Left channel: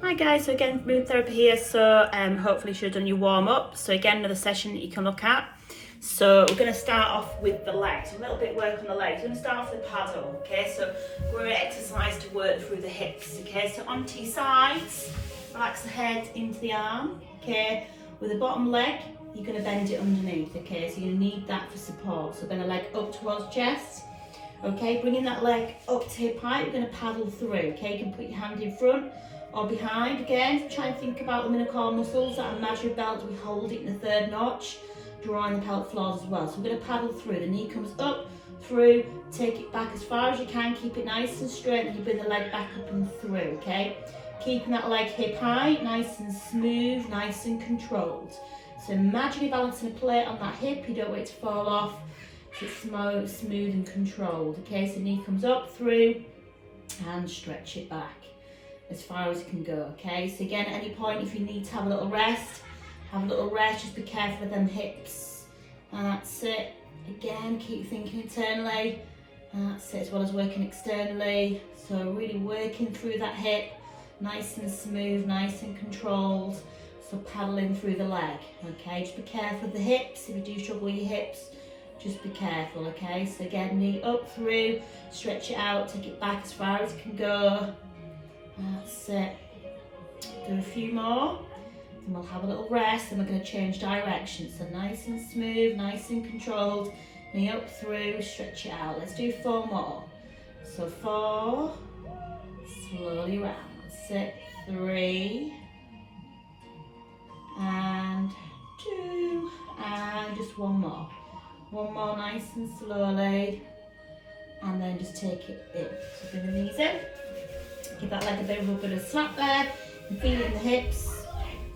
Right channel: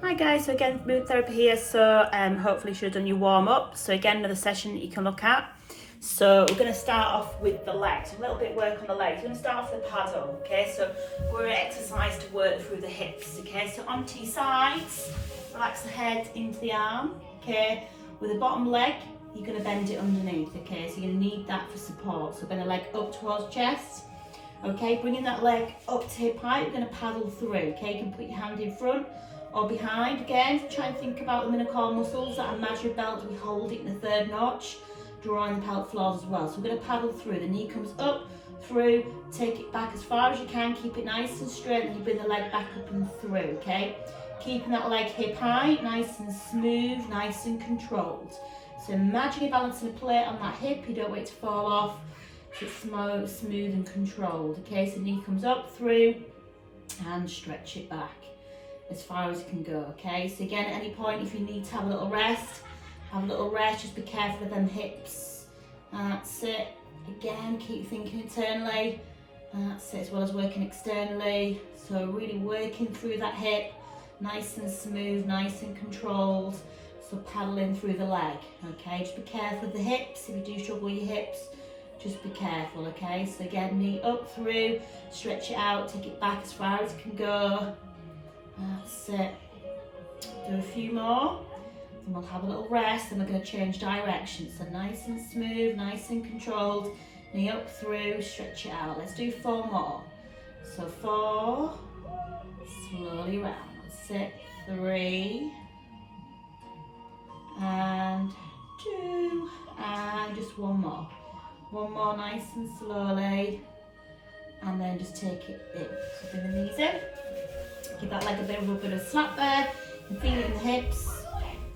Hi guys, so again movement therapy here, so hopefully you should have done your warm up. So again, another session that you can look at. So we're going to start off with the legs, a little bit work on the legs. We're going to start off with the paddle, okay? So we're going to exercise to work through the hips, okay? So onto your sides, relax the head into the arm, okay? With the bottom leg, you're going to bend it underneath, okay? So you're going to need that for support. So bring the leg up towards chest, okay? Bringing that leg up to hip height, you're going to paddle through, okay? You can put your hand in front or behind. Again, try and think about the minotaur muscles, that imaginary belt, we hold it in the third notch, drawing the pelvic floors as well. So we're going to paddle through, the knee comes up, through, take it back as far as you can, keep it nice and straight, and you bring the leg back up and through, okay? Keeping that leg hip high, nice and smooth, nice and controlled. So imagine you're balancing a plate on that hip, you don't want it to fall off, so it's smooth and controlled, okay? So knee comes up, through, and stretch it back as far as it can go, okay? So again, at any point, if you need to have a little rest, just be careful of them hips. That's it. Again, keep thinking internally. That's it, as well as working externally. So really working through that hip, nice and smooth, nice and controlled. So paddling through the leg, okay? Just be careful of the hips. If you do struggle with your hips, just be careful, okay? So again, knee up, through, stretch it out, take it back as far as it can go. That's it. Do a few more, then we'll have a little rest, and we're going to change direction. So nice and smooth, nice and controlled. Knee up, through, stretch it out. Let's do 4 more. So 4, slowly round. That's it. 3, and 2, and just 1 more. 1 more, nice and slowly, and then just take it in. So bring the knees in. Give that leg a bit of a slap there, and feel it in the hips.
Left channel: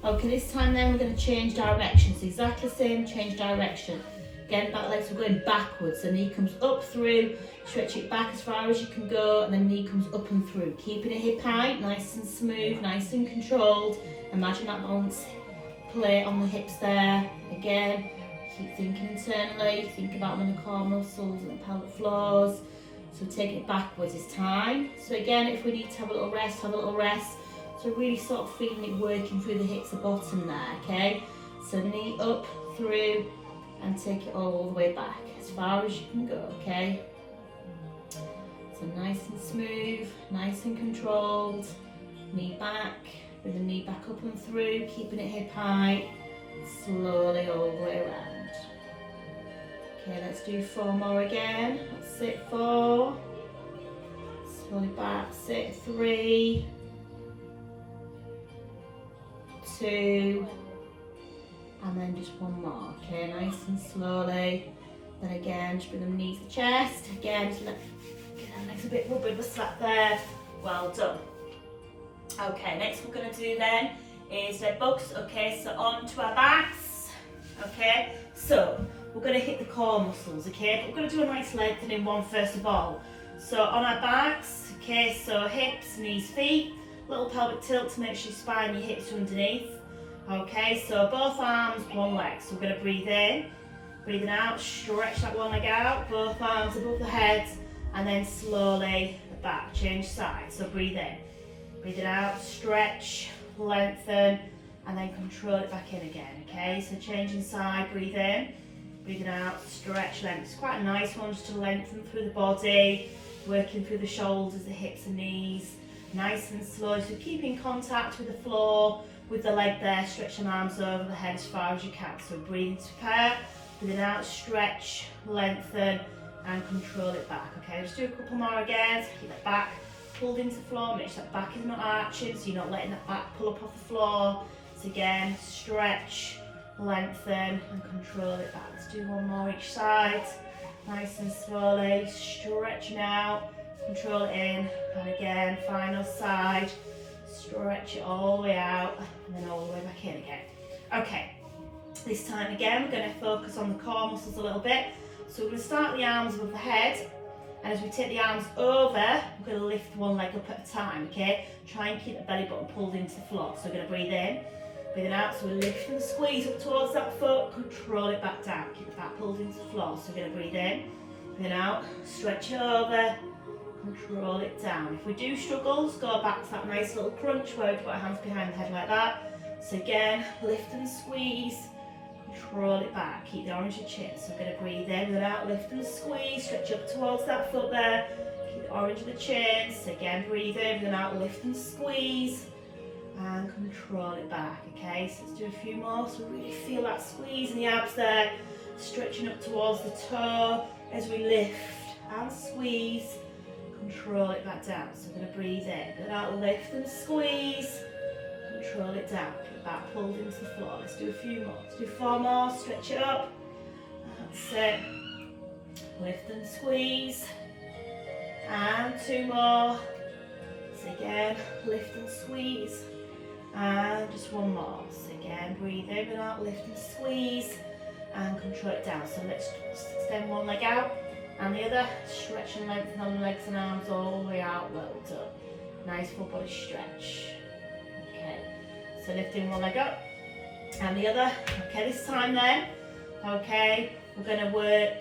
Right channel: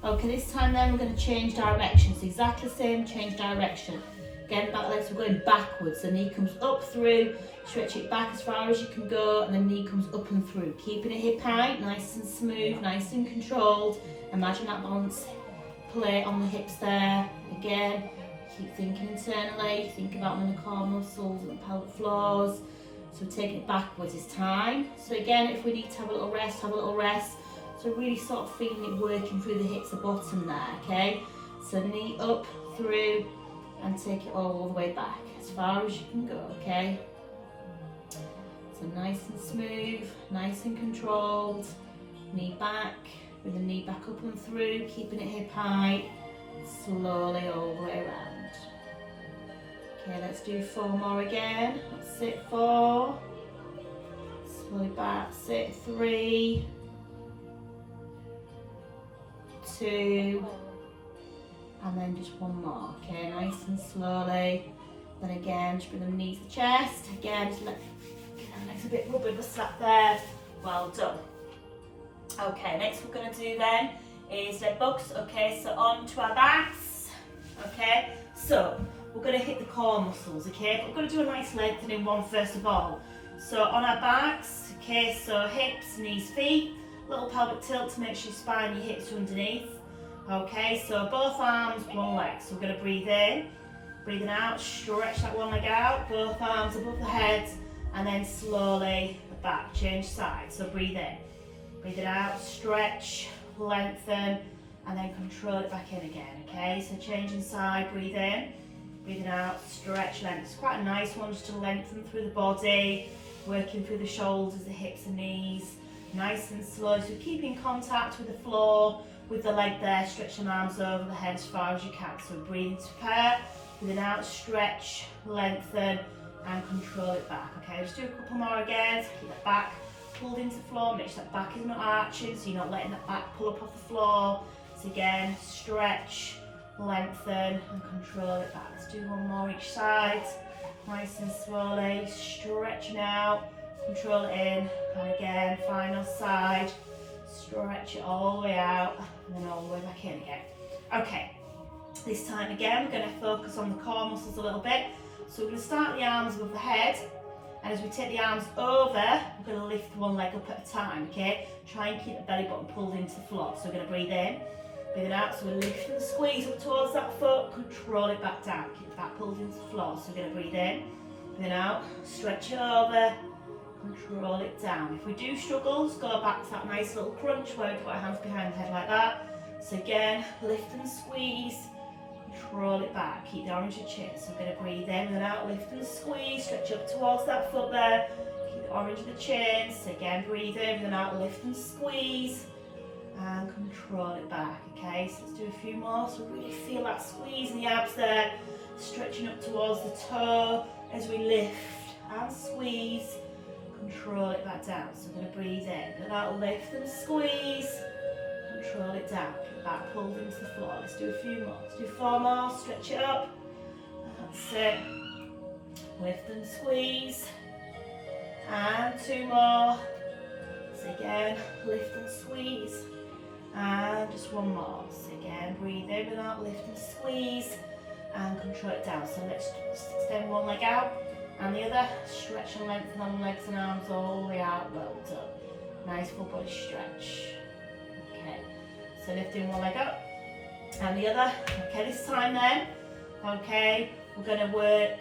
Okay, this time then we're going to change directions. Exactly the same, change direction. Again, back legs, we're going backwards. The knee comes up, through, stretch it back as far as you can go, and the knee comes up and through. Keeping it hip height, nice and smooth, nice and controlled. Imagine that balance plate on the hips there. Again, keep thinking internally, think about the core muscles and the pelvic floors. So take it backwards this time. So again, if we need to have a little rest, have a little rest. So really sort of feeling it working through the hips, the bottom there, okay? So knee up, through, and take it all the way back, as far as you can go, okay? So nice and smooth, nice and controlled. Knee back, with the knee back up and through, keeping it hip high, slowly all the way around. Okay, let's do 4 more again. That's it, 4. Slowly back, sit, 3, 2, and then just 1 more. Okay, nice and slowly. Then again, just bring the knees to the chest. Again, just let the legs a bit of a slap there. Well done. Okay, next we're going to do then is leg bugs. Okay, so on to our backs. Okay, so we're going to hit the core muscles, okay? But we're going to do a nice lengthening one first of all. So on our backs, okay, so hips, knees, feet, little pelvic tilt to make sure your spine, your hips are underneath. Okay, so both arms, one leg. So we're going to breathe in, breathing out, stretch that one leg out, both arms above the head, and then slowly the back, change sides. So breathe in, breathe it out, stretch, lengthen, and then control it back in again, okay? So changing side, breathe in, breathing out, stretch, length. It's quite a nice one just to lengthen through the body, working through the shoulders, the hips and knees, nice and slow. So keep in contact with the floor, with the leg there, stretch the arms over the head as far as you can. So breathing to prepare, breathing out, stretch, lengthen, and control it back, okay? Just do a couple more again, so keep that back pulled into the floor, make sure that back is not arching, so you're not letting that back pull up off the floor. So again, stretch, lengthen, and control it back. Let's do 1 more each side, nice and slowly, stretching out, control it in, and again, final side, stretch it all the way out, and then all the way back in again. Okay, this time again, we're going to focus on the core muscles a little bit. So we're going to start the arms above the head, and as we take the arms over, we're going to lift one leg up at a time, okay? Try and keep the belly button pulled into the floor. So we're going to breathe in, breathing out, so we're lifting the squeeze up towards that foot, control it back down, keep the back pulled into the floor. So we're going to breathe in, breathing out, stretch over, Control it down. If we do struggle, just go back to that nice little crunch where we put our hands behind the head like that. So again, lift and squeeze, control it back. Keep the orange of chin. So we're going to breathe in and out, lift and squeeze, stretch up towards that foot there. Keep the orange of the chin. So again, breathe in and out, lift and squeeze, and control it back. Okay, so let's do a few more. So really feel that squeeze in the abs there, stretching up towards the toe as we lift and squeeze. Control it back down. So we're going to breathe in and out, lift and squeeze. Control it down. Keep the back pulled into the floor. Let's do a few more. Let's do 4 more. Stretch it up. That's it. Lift and squeeze. And 2 more. So again, lift and squeeze. And just 1 more. So again, breathe in and out, lift and squeeze. And control it down. So let's extend one leg out. And the other, stretch and lengthen on the legs and arms all the way out, well done. Nice full body stretch. Okay, so lifting one leg up and the other. Okay, this time then, okay, we're going to work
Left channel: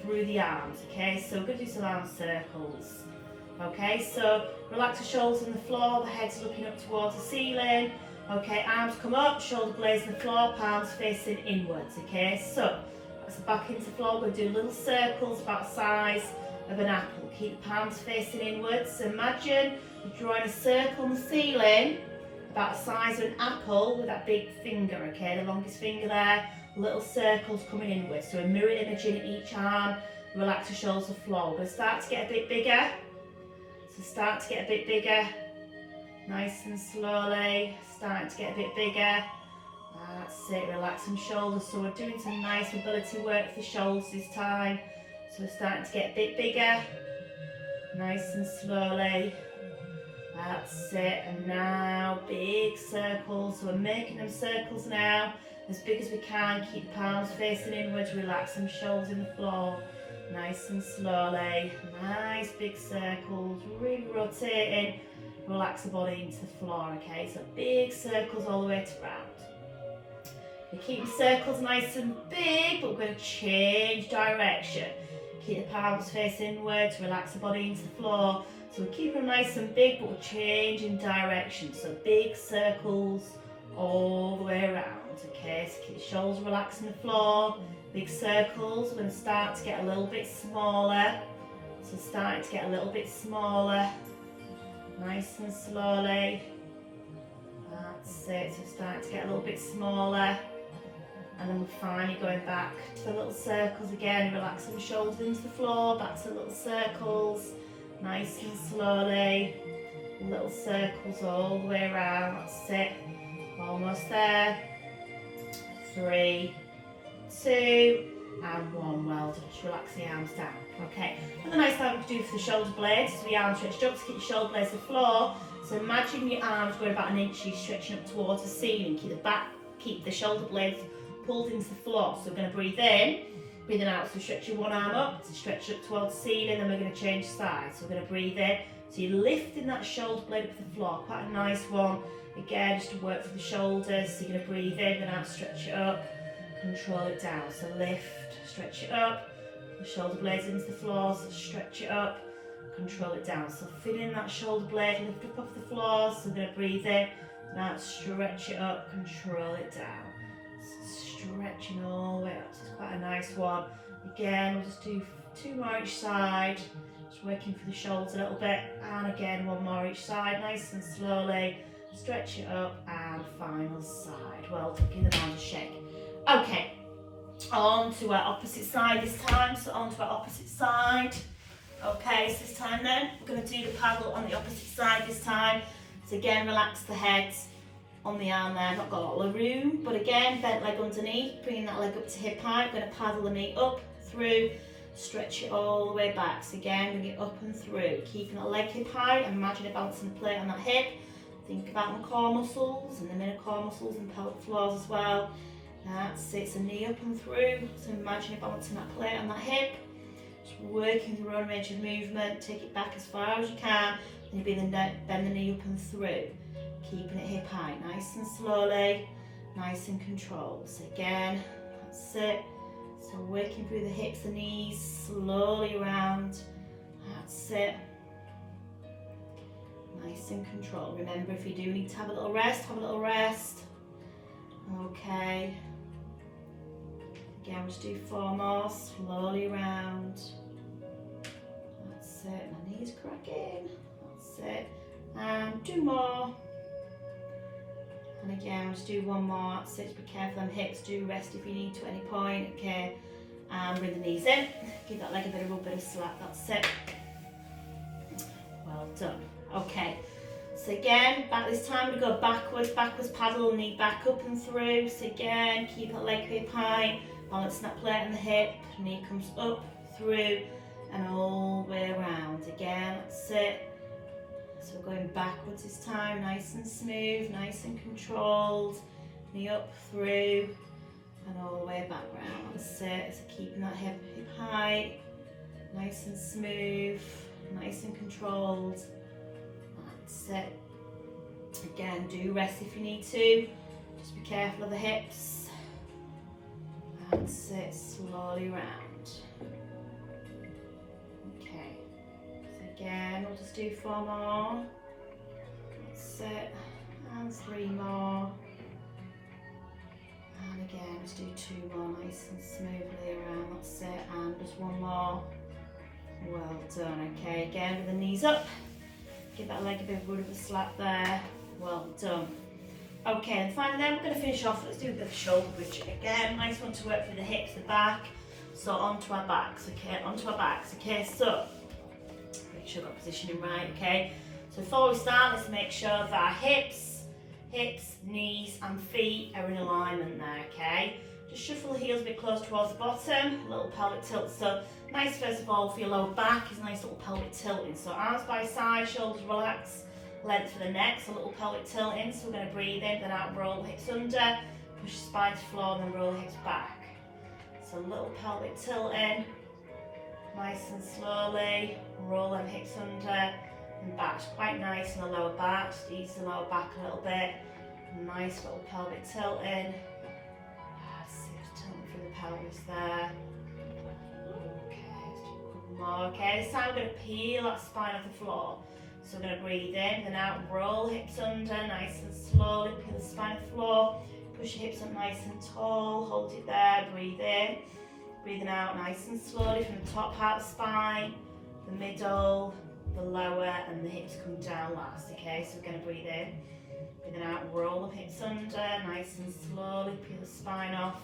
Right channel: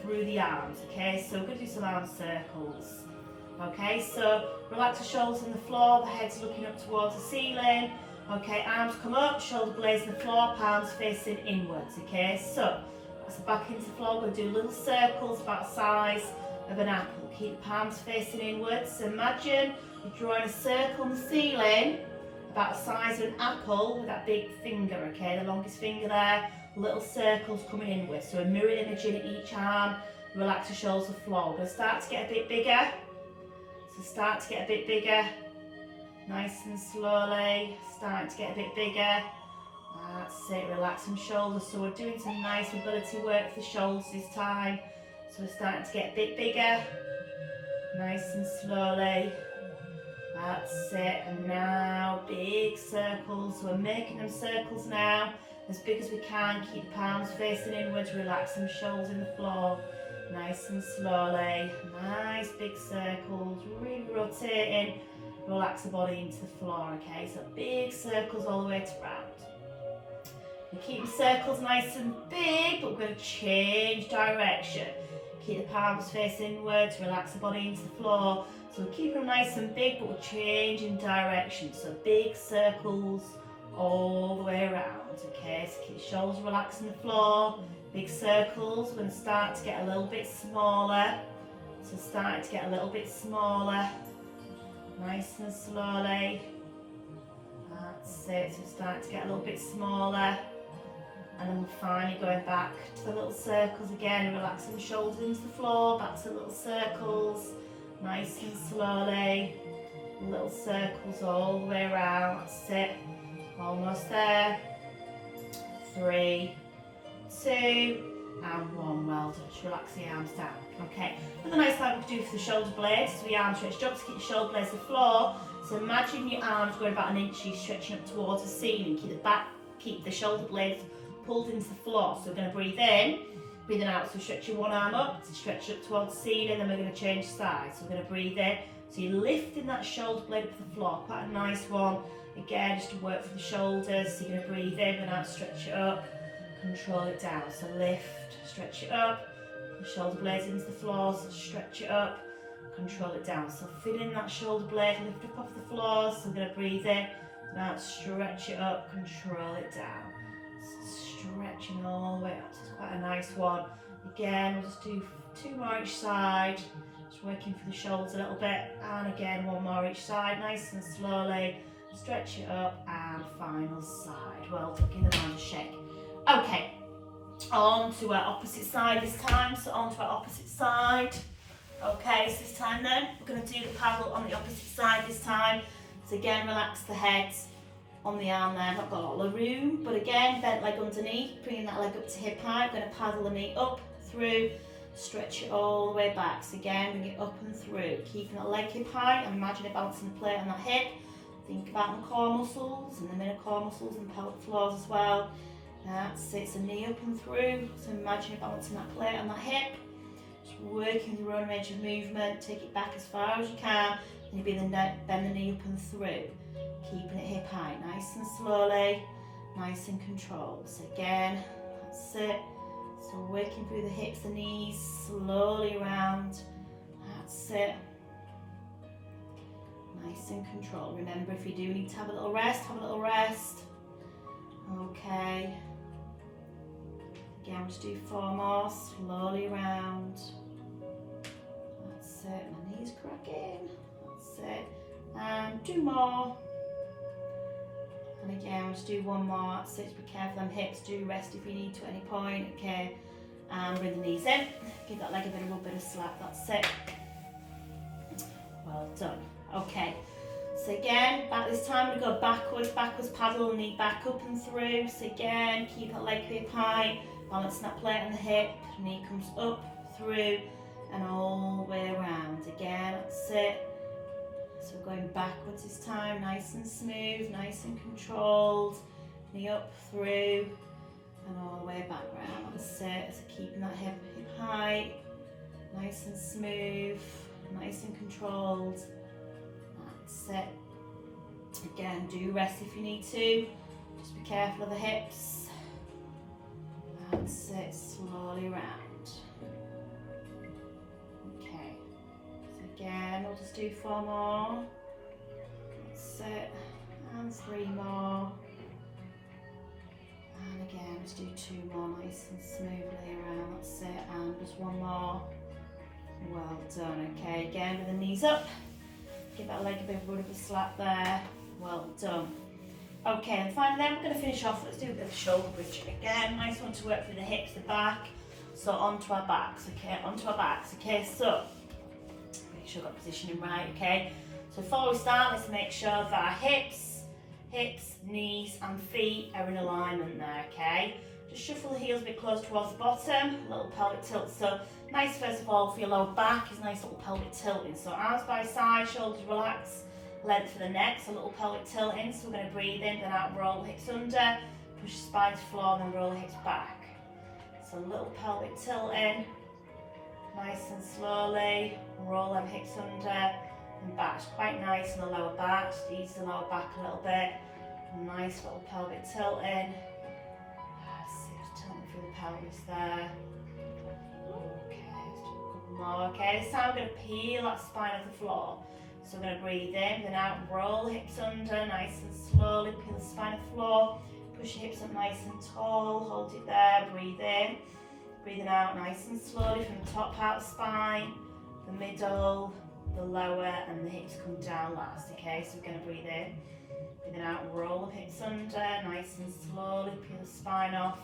through the arms, okay, so we're going to do some arm circles. Okay, so relax the shoulders on the floor, the head's looking up towards the ceiling. Okay, arms come up, shoulder blades on the floor, palms facing inwards, okay, so so back into the floor, we'll do little circles about the size of an apple. Keep the palms facing inwards. So imagine you're drawing a circle on the ceiling about the size of an apple with that big finger, okay, the longest finger there, little circles coming inwards. So a mirror image in each arm, relax the shoulders to the floor. We're going to start to get a bit bigger. So start to get a bit bigger, nice and slowly, starting to get a bit bigger. That's it, relax some shoulders. So we're doing some nice mobility work for the shoulders this time. So we're starting to get a bit bigger, nice and slowly. That's it, and now big circles. So we're making them circles now, as big as we can. Keep the palms facing inwards, relax some shoulders in the floor, nice and slowly. Nice big circles, really rotating. Relax the body into the floor, okay? So big circles all the way to round. We keep the circles nice and big, but we're going to change direction. Keep the palms facing inwards, relax the body into the floor. So we're keeping them nice and big, but we're changing direction. So big circles all the way around, okay? So keep the shoulders relaxed on the floor. Big circles, we're going to start to get a little bit smaller. So starting to get a little bit smaller, nice and slowly. That's it, so starting to get a little bit smaller. And then we're finally going back to the little circles again, relaxing the shoulders into the floor, back to the little circles, nice and slowly. Little circles all the way around, that's it. Almost there. 3, 2, and 1. Well done. Just relax the arms down. Okay. Another nice thing we can do for the shoulder blades is the arm stretched up to keep your shoulder blades to the floor. So imagine your arms going about 1 inch, stretching up towards the ceiling. Keep the shoulder blades pulled into the floor. So we're going to breathe in, breathing out. So stretch your one arm up to stretch up towards the ceiling, then we're going to change sides. So we're going to breathe in. So you're lifting that shoulder blade up to the floor. Quite a nice one. Again, just to work for the shoulders. So you're going to breathe in and out, stretch it up, control it down. So lift, stretch it up, the shoulder blades into the floor, so stretch it up, control it down. So feeling that shoulder blade lift up off the floor. So we're going to breathe in and out, stretch it up, control it down. Stretching all the way up. So it's quite a nice one. Again, we'll just do 2 more each side. Just working for the shoulders a little bit. And again, 1 more each side, nice and slowly. Stretch it up and final side. Well done, give the arms a shake. Okay, on to our opposite side this time. So on to our opposite side. Okay, so this time then, we're going to do the paddle on the opposite side this time. So again, relax the head on the arm there, not got a lot of room, but again, bent leg underneath, bringing that leg up to hip height. We're going to paddle the knee up, through, stretch it all the way back. So again, bring it up and through, keeping that leg hip high, and imagine it balancing the plate on that hip. Think about the core muscles and the inner core muscles and pelvic floors as well. That's it, so knee up and through. So imagine you balancing that plate on that hip. Just working the run range of movement, take it back as far as you can. Then you bend the knee up and through. Keeping it hip high, nice and slowly, nice and controlled. So again, that's it. So working through the hips and knees, slowly around. That's it. Nice and controlled. Remember, if you do need to have a little rest, have a little rest. Okay. Again, just do 4 more, slowly around. That's it, my knees cracking. That's it. And 2 more. And again, just do 1 more. That's it, just be careful on hips. Do rest if you need to at any point. Okay. And bring the knees in. Give that leg a little bit of slack. That's it. Well done. Okay. So again, back this time we go backwards paddle, knee back up and through. So again, keep that leg hip high, balancing that plate on the hip, knee comes up, through, and all the way around. Again, that's it. So we're going backwards this time, nice and smooth, nice and controlled. Knee up, through, and all the way back round. That's it. So keeping that hip high, nice and smooth, nice and controlled. That's it. Again, do rest if you need to. Just be careful of the hips. That's it, slowly round. Okay. So again, we'll just do 4 more. That's it. And 3 more. And again, just do 2 more, nice and smoothly around. That's it. And just 1 more. Well done. Okay, again with the knees up. Give that leg a bit of a slap there. Well done. Okay, and finally then we're going to finish off. Let's do a bit of shoulder bridging again. Nice one to work through the hips, the back. So onto our backs, okay, onto our backs. Okay, so make sure we've got positioning right, okay. So before we start, let's make sure that our hips, knees and feet are in alignment there, okay. Just shuffle the heels a bit close towards the bottom, a little pelvic tilt. So nice first of all for your lower back is a nice little pelvic tilting. So arms by side, shoulders relax, length for the neck, so a little pelvic tilt in. So we're going to breathe in, then out, roll the hips under, push the spine to the floor, and then roll the hips back. So a little pelvic tilt in, nice and slowly, roll them hips under and back. It's quite nice in the lower back, just ease the lower back a little bit. Nice little pelvic tilt in. Tilting through the pelvis there. Okay, let's do a couple more. Okay, this time we're going to peel that spine off the floor. So we're going to breathe in, then out, roll hips under, nice and slowly, peel the spine off the floor. Push your hips up nice and tall, hold it there, breathe in. Breathing out nice and slowly from the top part of the spine, the middle, the lower, and the hips come down last. Okay, so we're going to breathe in. Breathing out, roll the hips under, nice and slowly, peel the spine off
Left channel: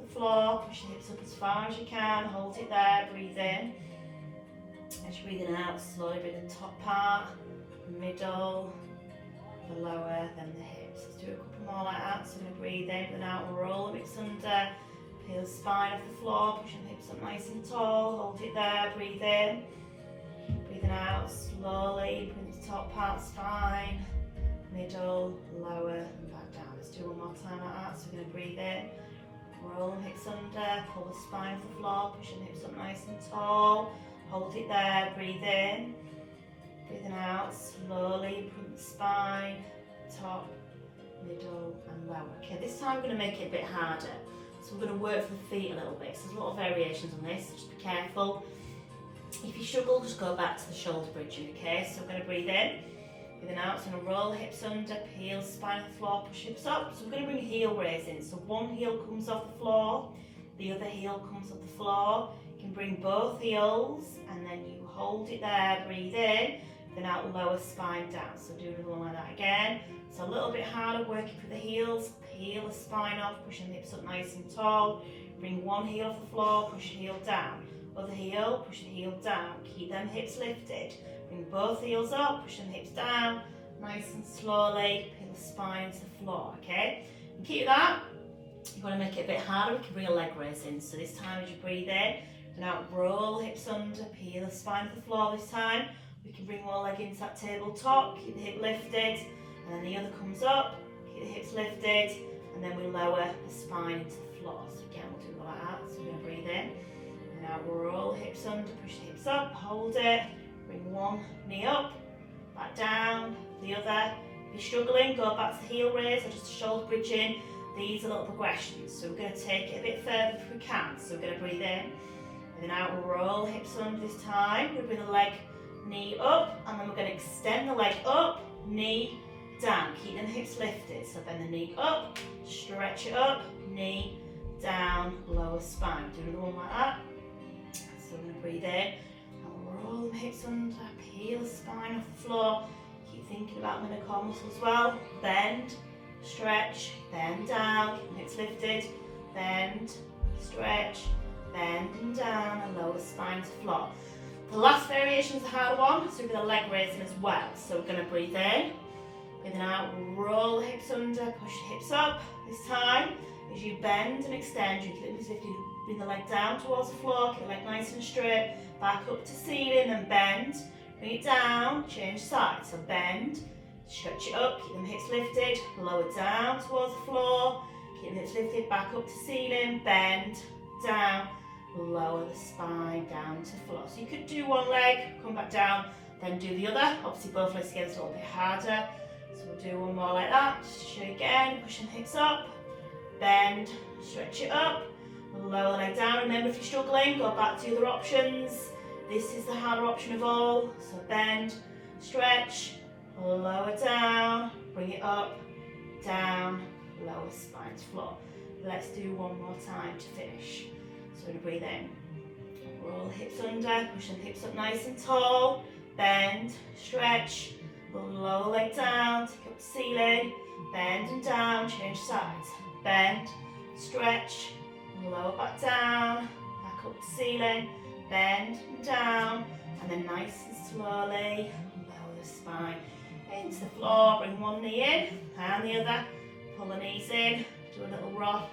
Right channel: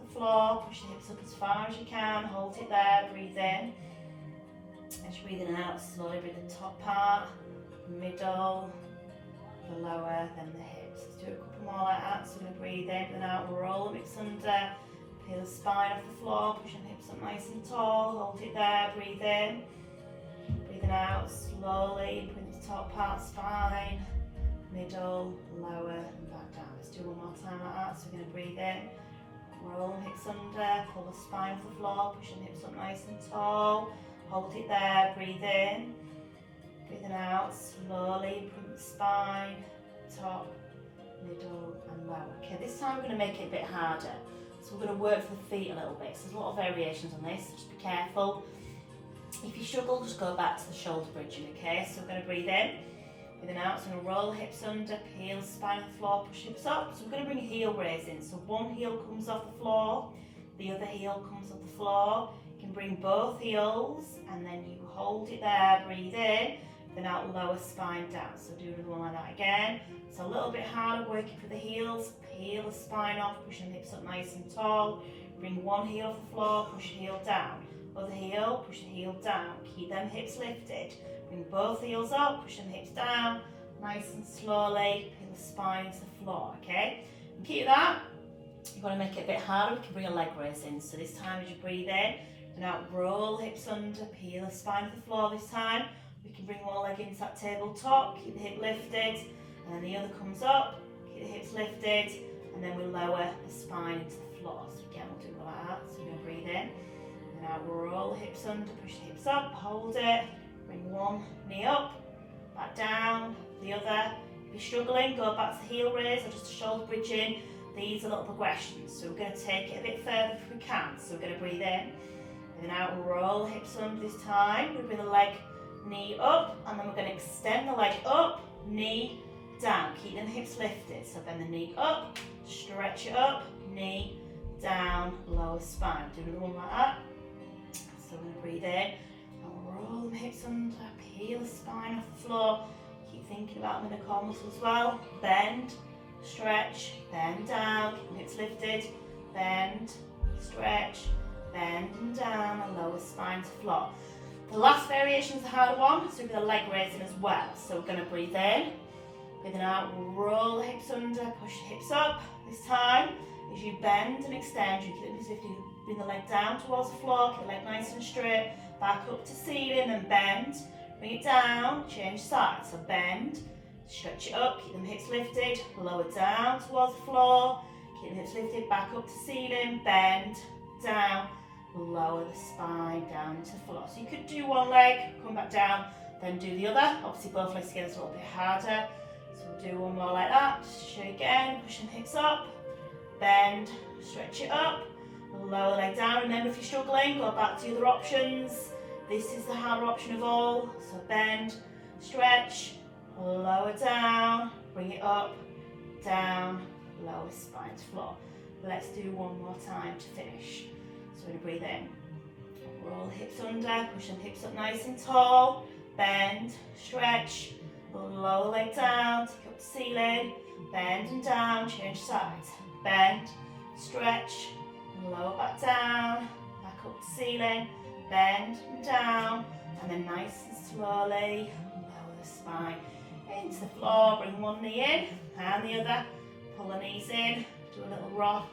the floor, push the hips up as far as you can, hold it there, breathe in. As you're breathing out, slowly breathe the top part, middle, the lower, then the hips. Let's do a couple more like that. So we're going to breathe in, then out, roll the hips under, peel the spine off the floor, pushing the hips up nice and tall, hold it there, breathe in. Breathing out, slowly, breathe the top part, spine, middle, lower, and back down. Let's do one more time like that. So we're going to breathe in, roll the hips under, pull the spine off the floor, pushing the hips up nice and tall, hold it there, breathe in. Breathing out, slowly, breathe the spine, top, middle, and lower. Okay, this time we're going to make it a bit harder. So we're going to work for the feet a little bit. So there's a lot of variations on this, so just be careful. If you struggle, just go back to the shoulder bridging, okay? So we're going to breathe in, breathing out, so we're going to roll the hips under, peel the spine off the floor, push hips up. So we're going to bring a heel raise in. So one heel comes off the floor, the other heel comes off the floor. You can bring both heels, and then you hold it there, breathe in, then out, lower spine down. So do another one like that again. So a little bit harder, working for the heels, peel the spine off, pushing the hips up nice and tall. Bring one heel off the floor, push the heel down. Other heel, push the heel down. Keep them hips lifted. Bring both heels up, push them hips down, nice and slowly, peel the spine to the floor, okay? And keep that. You want to make it a bit harder, we can bring a leg raise in. So this time as you breathe in, and out, roll the hips under, peel the spine to the floor this time. We can bring one leg into that tabletop, keep the hip lifted, and then the other comes up, keep the hips lifted, and then we lower the spine into the floor. So again, we'll do it like that. So we're going to breathe in, and now roll the hips under, push the hips up, hold it, bring one knee up, back down, the other. If you're struggling, go back to the heel raise or just a shoulder bridging. These are little progressions. So we're going to take it a bit further if we can. So we're going to breathe in, and then out, we'll roll the hips under this time. We'll bring the leg knee up, and then we're going to extend the leg up, knee down. Keep the hips lifted. So bend the knee up, stretch it up, knee down, lower spine. Do another one like that. So we're going to breathe in, and roll the hips under, peel the spine off the floor. Keep thinking about the core muscle as well. Bend, stretch, bend down, keep the hips lifted, bend, stretch, bend and down, and lower spine to floor. The last variation is the harder one, so we're going to leg raising as well. So we're going to breathe in, breathing out, roll the hips under, push the hips up. This time, as you bend and extend, you keep as if you bring the leg down towards the floor, keep the leg nice and straight, back up to ceiling and bend, bring it down, change sides. So bend, stretch it up, keep the hips lifted, lower down towards the floor, keep the hips lifted, back up to ceiling, bend, down, lower the spine down to floor. So you could do one leg, come back down, then do the other. Obviously both legs together is a little bit harder. So we'll do one more like that. Just again, pushing the hips up, bend, stretch it up, lower the leg down. Remember, if you're struggling, go back to the other options. This is the harder option of all. So bend, stretch, lower down, bring it up, down, lower spine to floor. Let's do one more time to finish. So we're going to breathe in, roll the hips under, push the hips up nice and tall, bend, stretch, lower leg down, take up the ceiling, bend and down, change sides, bend, stretch, lower back down, back up to ceiling, bend and down, and then nice and slowly lower the spine into the floor. Bring one knee in and the other, pull the knees in, do a little rock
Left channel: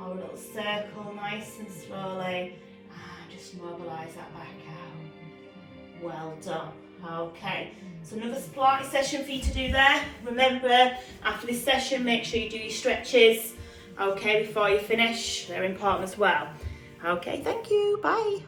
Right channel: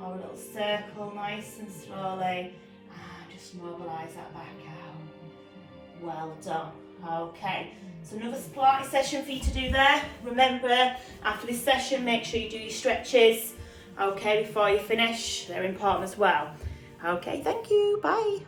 or a little circle, nice and slowly, and just mobilise that back out. Well done. Okay, so another Pilates session for you to do there. Remember, after this session, make sure you do your stretches, okay, before you finish. They're important as well. Okay, thank you, bye.